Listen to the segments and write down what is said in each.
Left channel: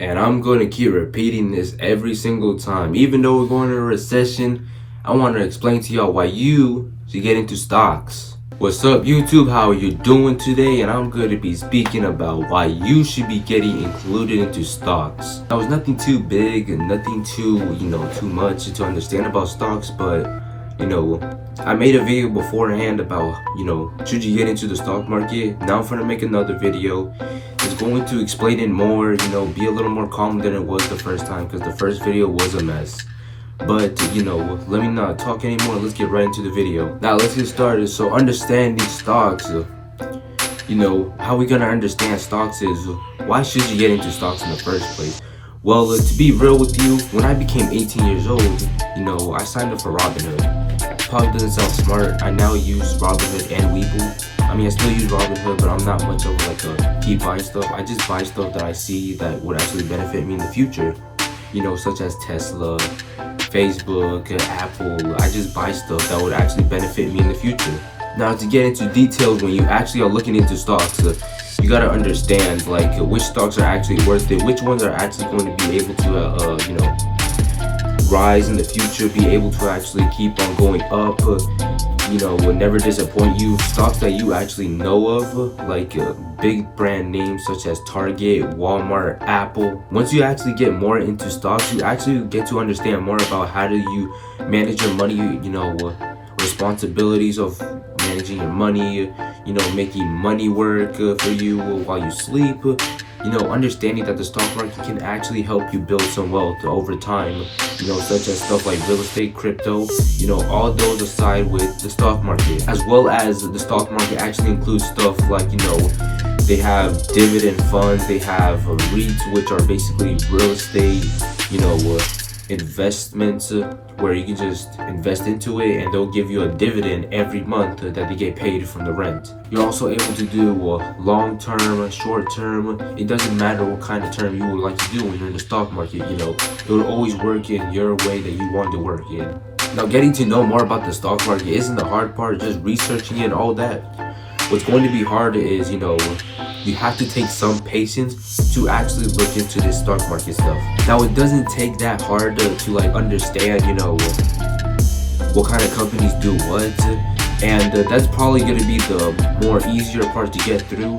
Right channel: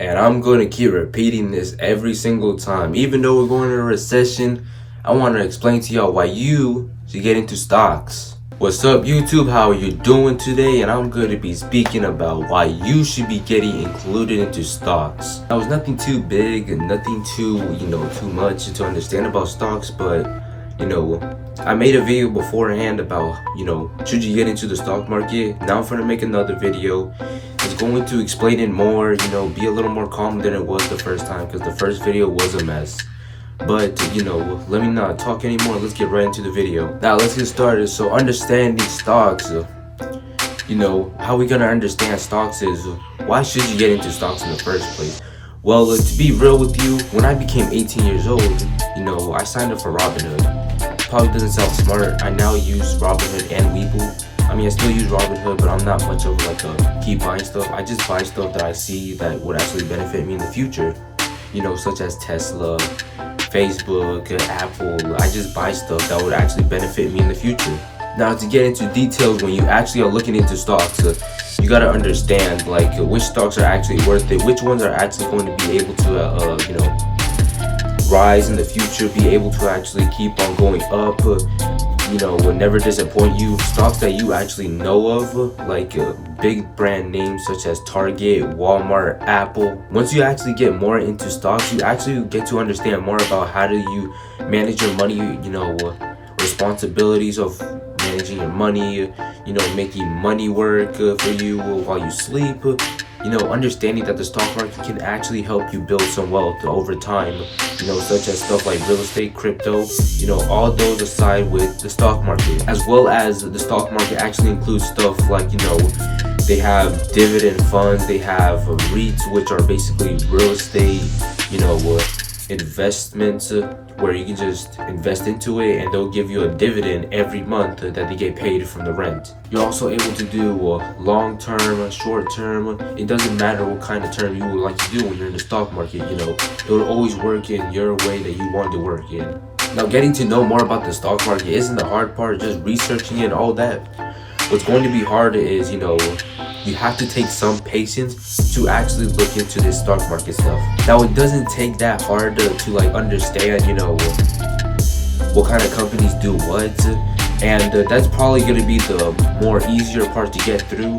And I'm going to keep repeating this every single time. Even though we're going into a recession, I want to explain to y'all why you should get into stocks. What's up, YouTube? How are you doing today? And I'm going to be speaking about why you should be getting included into stocks. Now, it's nothing too big and nothing too, too much to understand about stocks, but I made a video beforehand about, should you get into the stock market? Now I'm gonna make another video. It's going to explain it more, be a little more calm than it was the first time, because the first video was a mess. But, let me not talk anymore. Let's get right into the video. Now, let's get started. So, understanding stocks, how we gonna understand stocks is, why should you get into stocks in the first place? Well, to be real with you, when I became 18 years old, I signed up for Robinhood. Probably doesn't sound smart. I now use Robinhood and Webull. I mean, I still use Robinhood, but I'm not much of a keep buying stuff. I just buy stuff that I see that would actually benefit me in the future. Such as Tesla, Facebook, Apple. I just buy stuff that would actually benefit me in the future. Now, to get into details, when you actually are looking into stocks, you gotta understand which stocks are actually worth it, which ones are actually going to be able to, rise in the future, be able to actually keep on going up, will never disappoint you. Stocks that you actually know of, big brand names such as Target, Walmart, Apple. Once you actually get more into stocks, you actually get to understand more about how do you manage your money, responsibilities of managing your money, making money work for you while you sleep. Understanding that the stock market can actually help you build some wealth over time, such as stuff like real estate, crypto, all those aside with the stock market. As well as the stock market actually includes stuff like, they have dividend funds, they have REITs, which are basically real estate, investments where you can just invest into it and they'll give you a dividend every month that they get paid from the rent. You're also able to do long term, short term. It doesn't matter what kind of term you would like to do when you're in the stock market. It will always work in your way that you want to work in. Now, getting to know more about the stock market isn't the hard part, just researching it and all that. What's going to be hard is, you have to take some patience to actually look into this stock market stuff. Now, it doesn't take that hard to understand, what kind of companies do what, and that's probably going to be the more easier part to get through.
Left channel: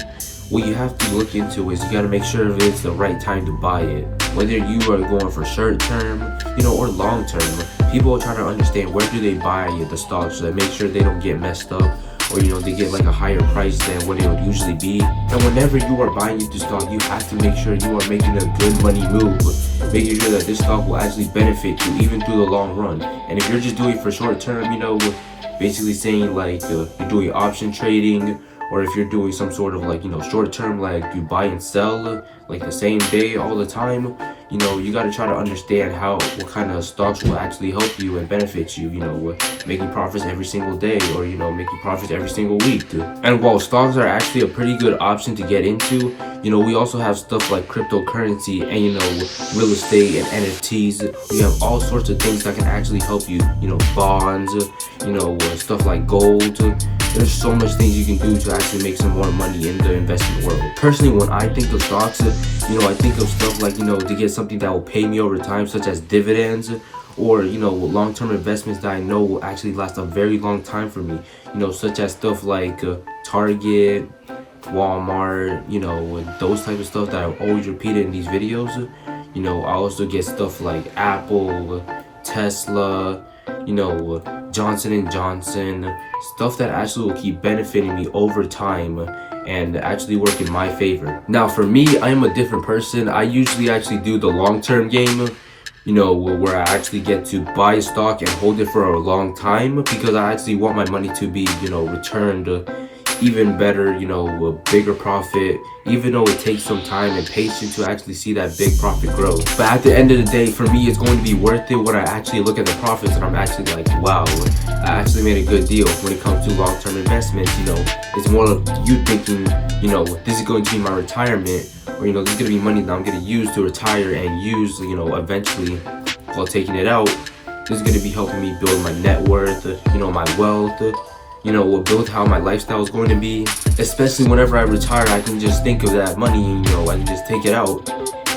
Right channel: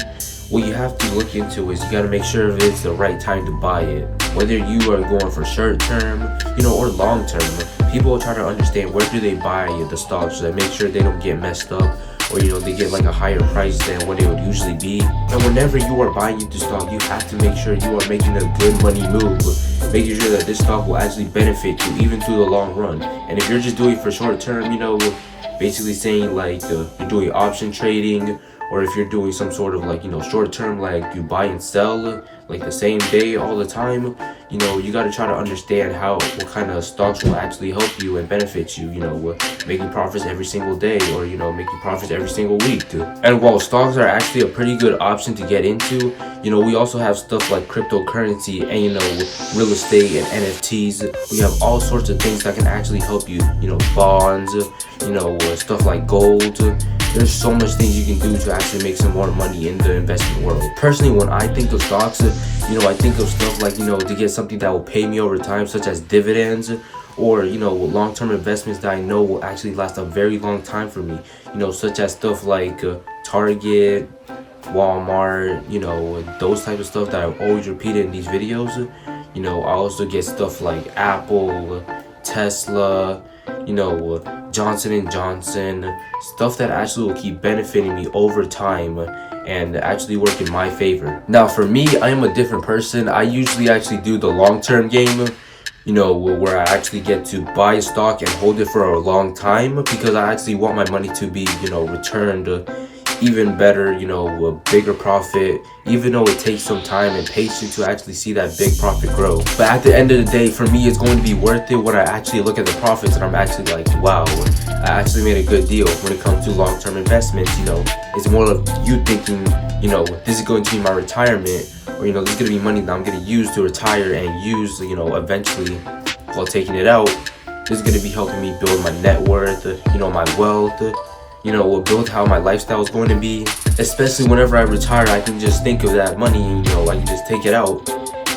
What you have to look into is you got to make sure if it's the right time to buy it. Whether you are going for short term, or long term, people try to understand where do they buy the stocks so they make sure they don't get messed up, or they get a higher price than what it would usually be. And whenever you are buying into stock, you have to make sure you are making a good money move, making sure that this stock will actually benefit you even through the long run. And if you're just doing it for short term, basically saying you're doing option trading, or if you're doing some sort of short term, you buy and sell the same day all the time, you got to try to understand what kind of stocks will actually help you and benefit you, making profits every single day, or making profits every single week. And while stocks are actually a pretty good option to get into, we also have stuff like cryptocurrency and real estate and NFTs. We have all sorts of things that can actually help you, bonds, stuff like gold. There's so much things you can do to actually make some more money in the investment world. Personally, when I think of stocks, I think of stuff like, to get something that will pay me over time, such as dividends, or, long-term investments that I know will actually last a very long time for me, such as stuff like Target, Walmart, those type of stuff that I've always repeated in these videos. I also get stuff like Apple, Tesla, Johnson & Johnson, stuff that actually will keep benefiting me over time and actually work in my favor. Now, for me, I am a different person. I usually actually do the long-term game, where I actually get to buy a stock and hold it for a long time, because I actually want my money to be, returned even better, a bigger profit, even though it takes some time and patience to actually see that big profit grow. But at the end of the day, for me, it's going to be worth it when I actually look at the profits and I'm actually like, wow, I actually made a good deal. When it comes to long-term investments, it's more of you thinking, this is going to be my retirement, or, this is going to be money that I'm going to use to retire and use, eventually while taking it out. This is going to be helping me build my net worth, my wealth, will build how my lifestyle is going to be. Especially whenever I retire, I can just think of that money and, I can just take it out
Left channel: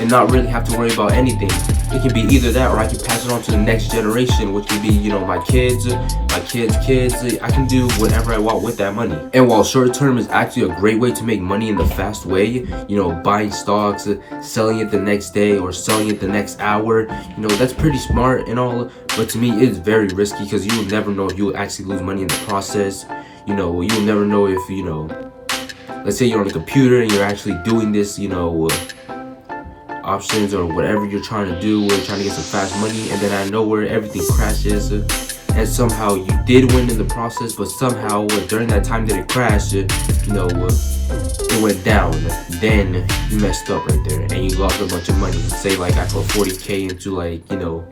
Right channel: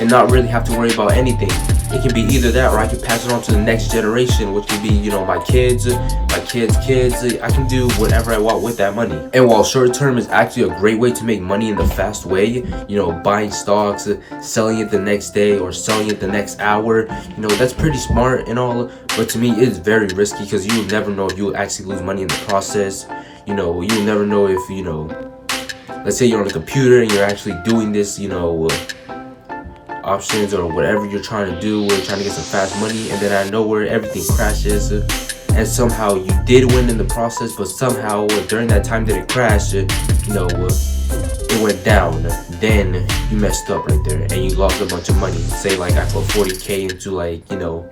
and not really have to worry about anything. It can be either that, or I can pass it on to the next generation, which can be, you know, my kids, my kids' kids. I can do whatever I want with that money. And while short term is actually a great way to make money in the fast way, you know, buying stocks, selling it the next day or selling it the next hour, you know, that's pretty smart and all, but to me it's very risky, because you will never know if you will actually lose money in the process. You know, you'll never know if, you know, let's say you're on a computer and you're actually doing this, you know, options or whatever you're trying to do, trying to get some fast money, and then out of nowhere everything crashes, and somehow you did win in the process, but somehow during that time that it crashed, you know, it went down. Then you messed up right there and you lost a bunch of money. Say like I put 40k into, like, you know,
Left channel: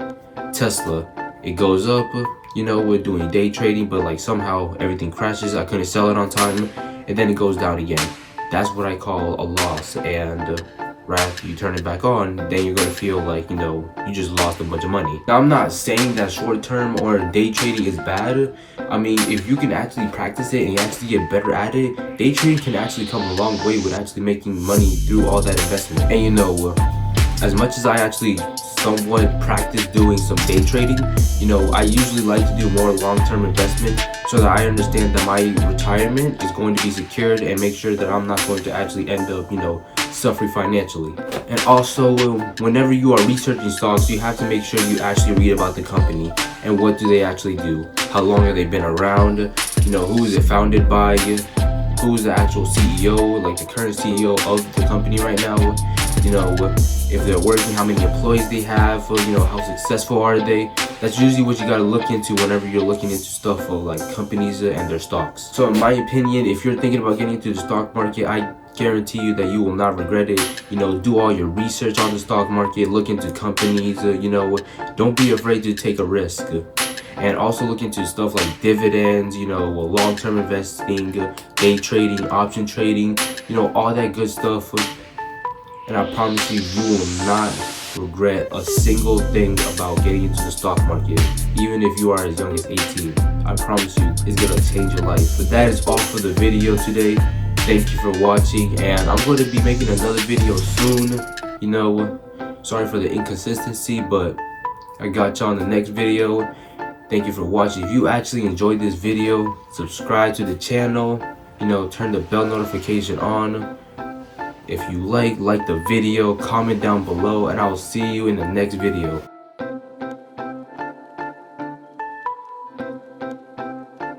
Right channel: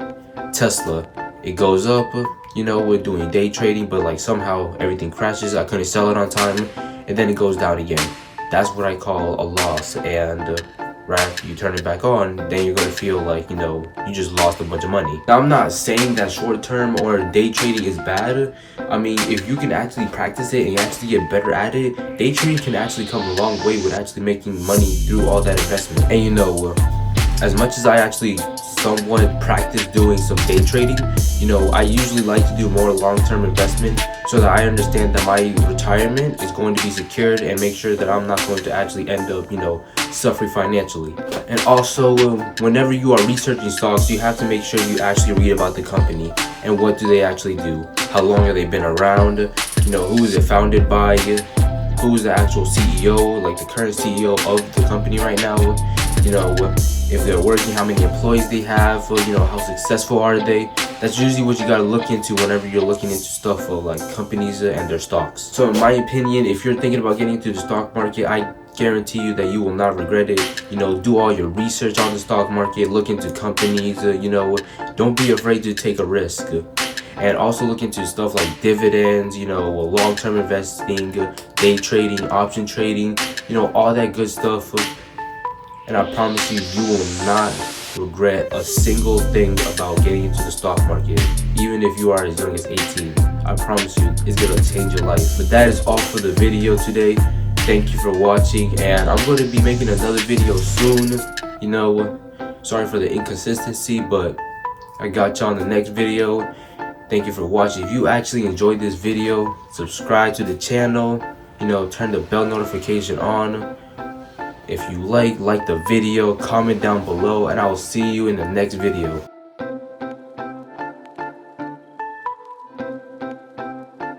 Tesla. It goes up, you know, we're doing day trading, but like somehow everything crashes. I couldn't sell it on time, and then it goes down again. That's what I call a loss. And right after you turn it back on, then you're gonna feel like, you know, you just lost a bunch of money. Now, I'm not saying that short term or day trading is bad. I mean, if you can actually practice it and you actually get better at it, day trading can actually come a long way with actually making money through all that investment. And you know, as much as I actually somewhat practice doing some day trading, you know, I usually like to do more long-term investment, so that I understand that my retirement is going to be secured, and make sure that I'm not going to actually end up, you know, suffering financially. And also, whenever you are researching stocks, you have to make sure you actually read about the company and what do they actually do, how long have they been around, you know, who is it founded by, who is the actual CEO, like the current CEO of the company right now, you know, if they're working, how many employees they have, you know, how successful are they. That's usually what you gotta look into whenever you're looking into stuff of like companies and their stocks. So in my opinion, if you're thinking about getting into the stock market, I guarantee you that you will not regret it. You know, do all your research on the stock market, look into companies, you know, don't be afraid to take a risk. And also look into stuff like dividends, you know, long-term investing, day trading, option trading, you know, all that good stuff. And I promise you, you will not regret a single thing about getting into the stock market, even if you are as young as 18. I promise you, it's gonna change your life. But that is all for the video today. Thank you for watching, and I'm going to be making another video soon. You know, sorry for the inconsistency, but I got you on the next video. Thank you for watching. If you actually enjoyed this video, subscribe to the channel, you know, turn the bell notification on. If you like the video, comment down below, and I will see you in the next video.